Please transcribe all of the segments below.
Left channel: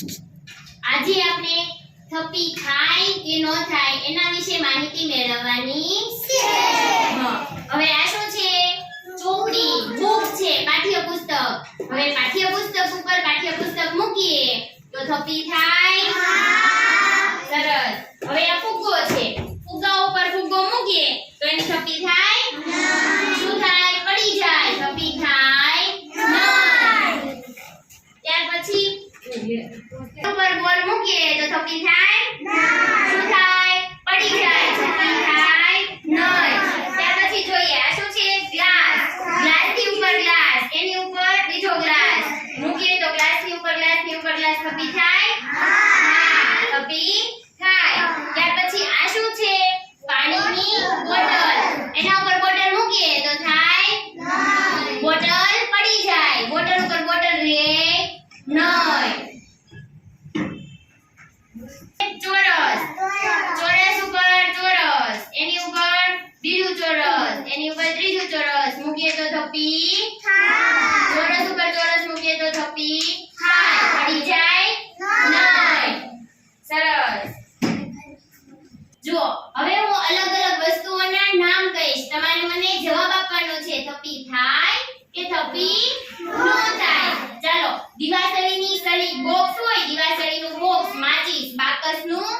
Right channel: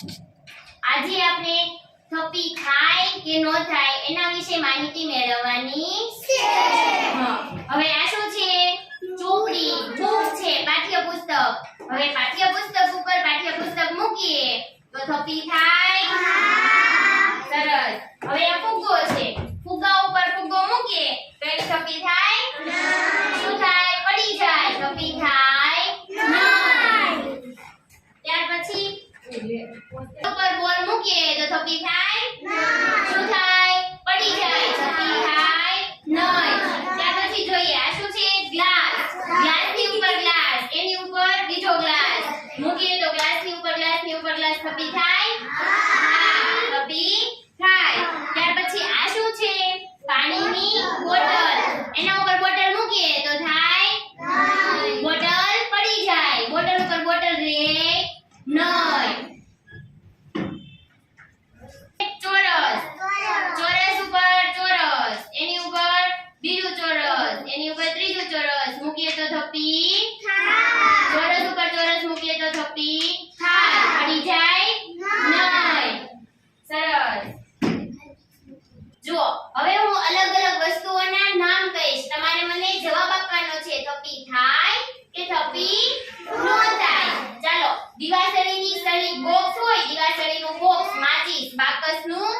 આજે આપણે થપ્પી થાય કે ન થાય એના વિશે માહિતી મેળવવાની છે. હવે આ શું છે? ચોપડી, બુક છે, પાઠ્યપુસ્તક. હવે પાઠ્યપુસ્તક ઉપર પાઠ્યપુસ્તક મૂકીએ તો થપ્પી થાય? સરસ. હવે આ ફુગ્ગો છે, ફુગ્ગા ઉપર ફુગ્ગો મૂકીએ તો એની થપ્પી થાય? શું થાય? પડી જાય. થપ્પી થાય નહીં. ત્યાર પછી ઉપર બોલ મૂકીએ તો થપ્પી થાય? શું થાય? પડી જાય. થપ્પી થાય નહીં. ત્યાર પછી જોઈએ આ શું છે? ગ્લાસ. ગ્લાસની ઉપર ગ્લાસ, એની ઉપર બીજો ગ્લાસ મૂકીએ તો ગ્લાસની ઉપર ગ્લાસ થપ્પી થાય? થપ્પી થાય. ત્યાર પછી આ શું છે? પાણીની બોટલ. એના ઉપર બોટલ મૂકીએ તો થાય? બોટલ પડી જાય. બોટલ ઉપર બોટલ રહે નહીં. ચોરસ. ચોરસ ઉપર ચોરસ, એની ઉપર બીજું ચોરસ, એની ઉપર ત્રીજું ચોરસ મૂકીએ તો થપ્પી થાય. ચોરસ ઉપર ચોરસ મૂકીએ તો થપ્પી થાય. પડી જાય નહીં. સરસ. જુઓ, હવે હું અલગ અલગ વસ્તુઓના નામ કહીશ, તમારે મને જવાબ આપવાનો છે. થપ્પી થાય કે થપ્પી ન થાય? ચાલો, દીવાસળીની સળી બોક્સ હોય, દીવાસળીનું બોક્સ, માચીસ, બાકસનું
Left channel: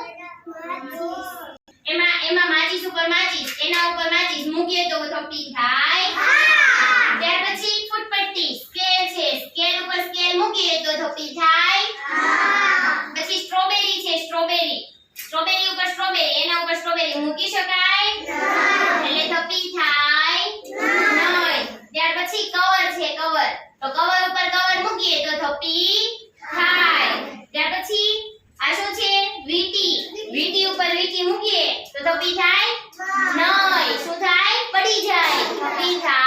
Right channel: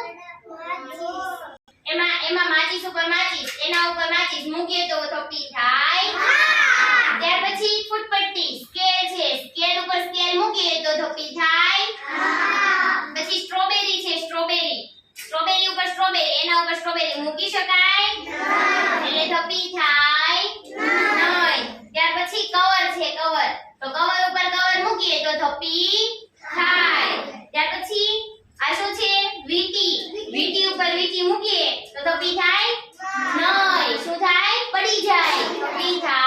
એમાં માચીસ ઉપર માચીસ, એના ઉપર માચીસ મૂકીએ તો થપ્પી થાય? ત્યાર પછી ફૂટપટ્ટી, સ્કેલ છે, સ્કેલ ઉપર સ્કેલ મૂકીએ તો થપ્પી થાય? પછી સ્ટ્રોબેરી છે, સ્ટ્રોબેરી ઉપર સ્ટ્રોબેરી, એના ઉપર સ્ટ્રોબેરી મૂકી શકાય? એટલે થપ્પી થાય નહીં. ત્યાર પછી કવર છે, કવર, તો કવર ઉપર કવર મૂકીએ તો થપ્પી થાય. ત્યાર પછી આ શું છે? વીંટી. વીંટી ઉપર વીંટી મૂકીએ તો થપ્પી થાય નહીં. શું થાય? પડી જાય. થપ્પી થાય